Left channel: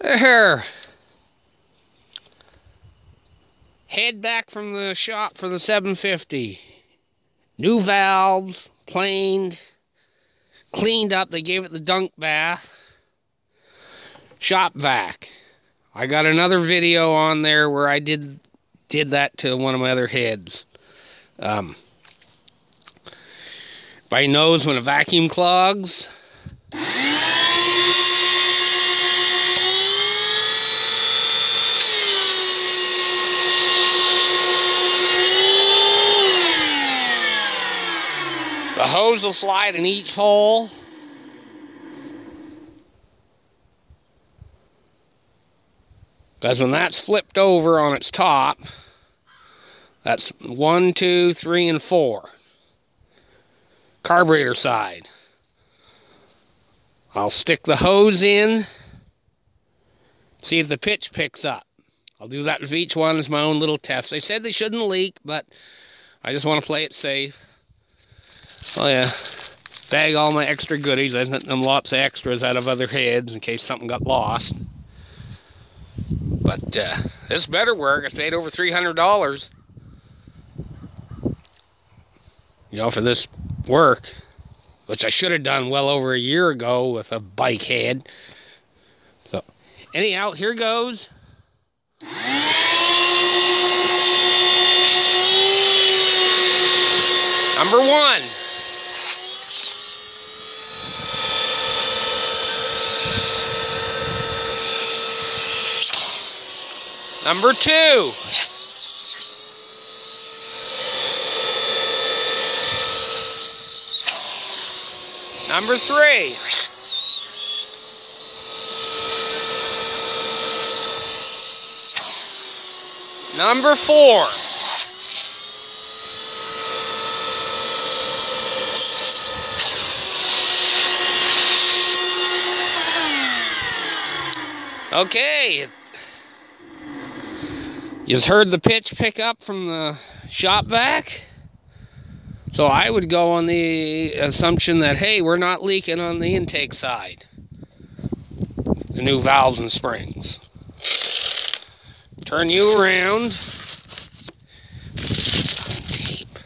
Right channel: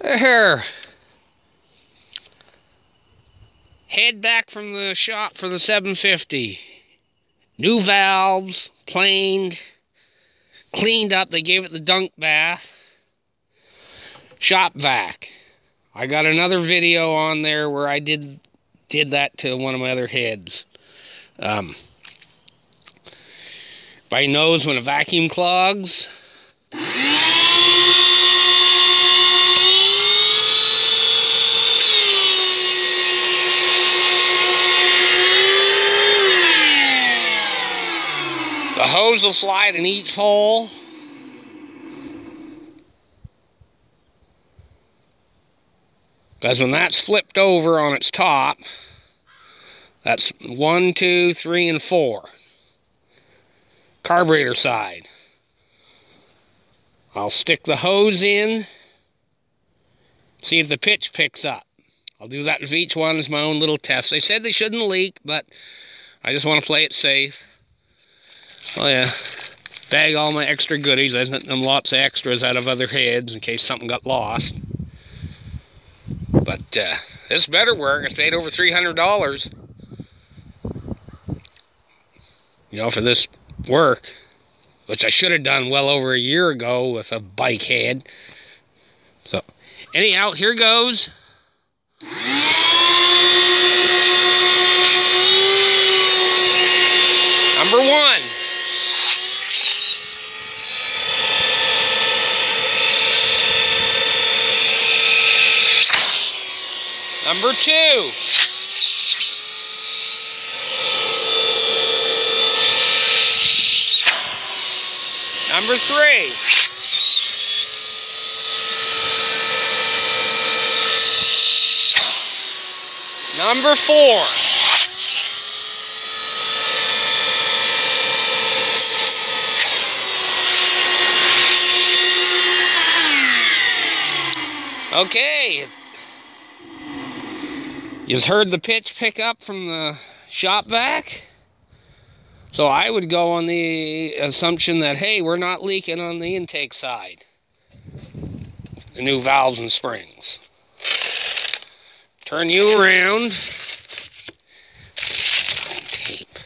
There. Head back from the shop for the 750. New valves, planed, cleaned up. They gave it the dunk bath. Shop vac. I got another video on there where I did that to one of my other heads. Everybody knows when a vacuum clogs. The hose will slide in each hole. Because when that's flipped over on its top, that's 1, 2, 3, and 4. Carburetor side. I'll stick the hose in, see if the pitch picks up. I'll do that with each one as my own little test. They said they shouldn't leak, but I just want to play it safe. Oh yeah, bag all my extra goodies. I sent them lots of extras out of other heads in case something got lost. But this better work. I paid over $300. You know, for this work, which I should have done well over a year ago with a bike head. So, anyhow, here goes. Number 1. Number 2. Number 3. Number 4. Okay. You've heard the pitch pick up from the shop vac. So I would go on the assumption that, hey, we're not leaking on the intake side. The new valves and springs. Turn you around. Tape.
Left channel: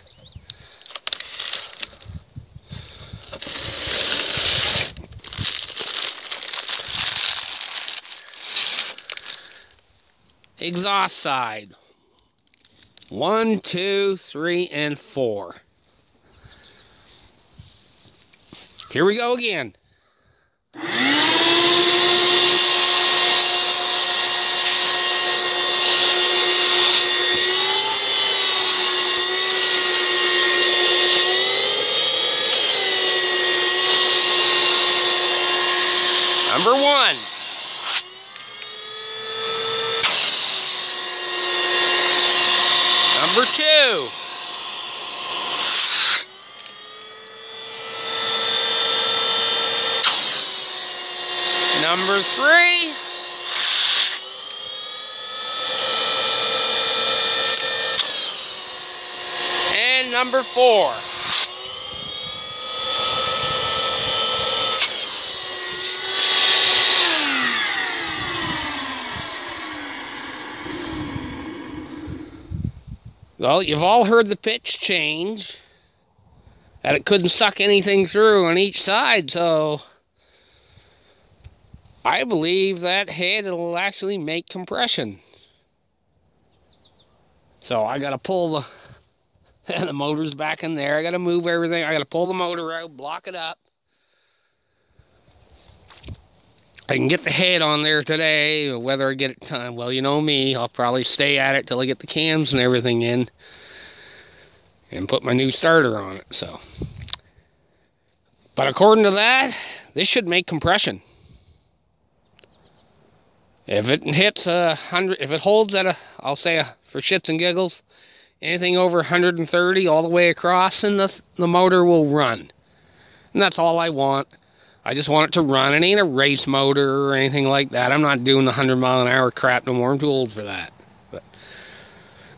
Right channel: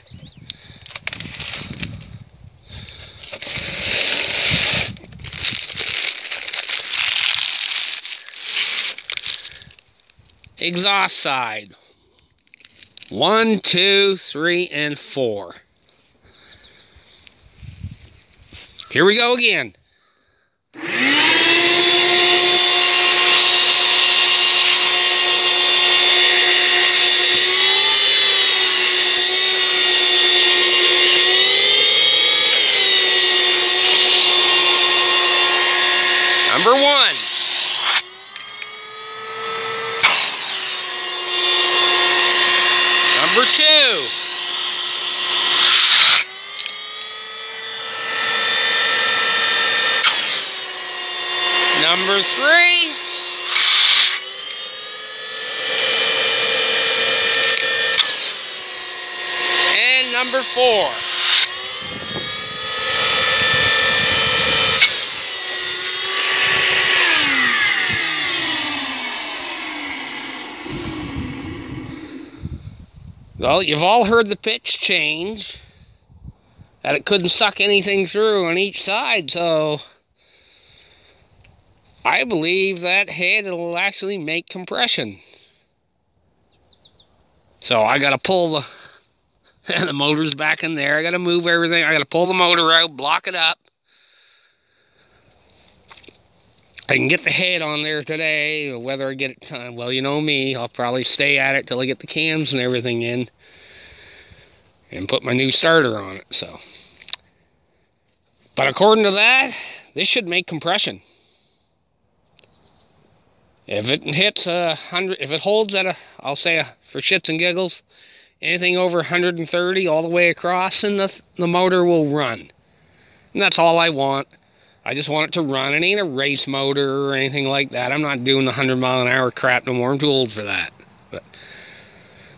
Exhaust side. 1, 2, 3, and 4. Here we go again. Number 1. Number 2. Number 3. And number 4. Well, you've all heard the pitch change, that it couldn't suck anything through on each side, so I believe that head will actually make compression. So I gotta pull the motor's back in there. I gotta move everything. I gotta pull the motor out, block it up. I can get the head on there today, or whether I get it time. Well, you know me, I'll probably stay at it till I get the cams and everything in and put my new starter on it. So, but according to that, this should make compression. If it hits 100, if it holds at I'll say for shits and giggles, anything over 130 all the way across, and the motor will run. And that's all I want. I just want it to run. It ain't a race motor or anything like that. I'm not doing the 100-mile-an-hour crap no more. I'm too old for that. But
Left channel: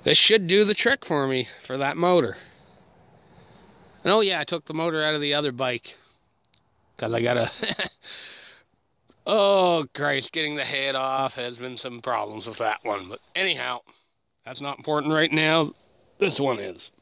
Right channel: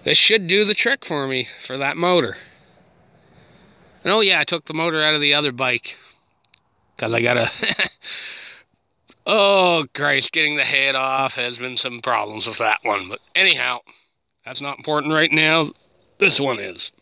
this should do the trick for me for that motor. And oh yeah, I took the motor out of the other bike because I got Oh, Christ, getting the head off has been some problems with that one. But anyhow, that's not important right now. This one is.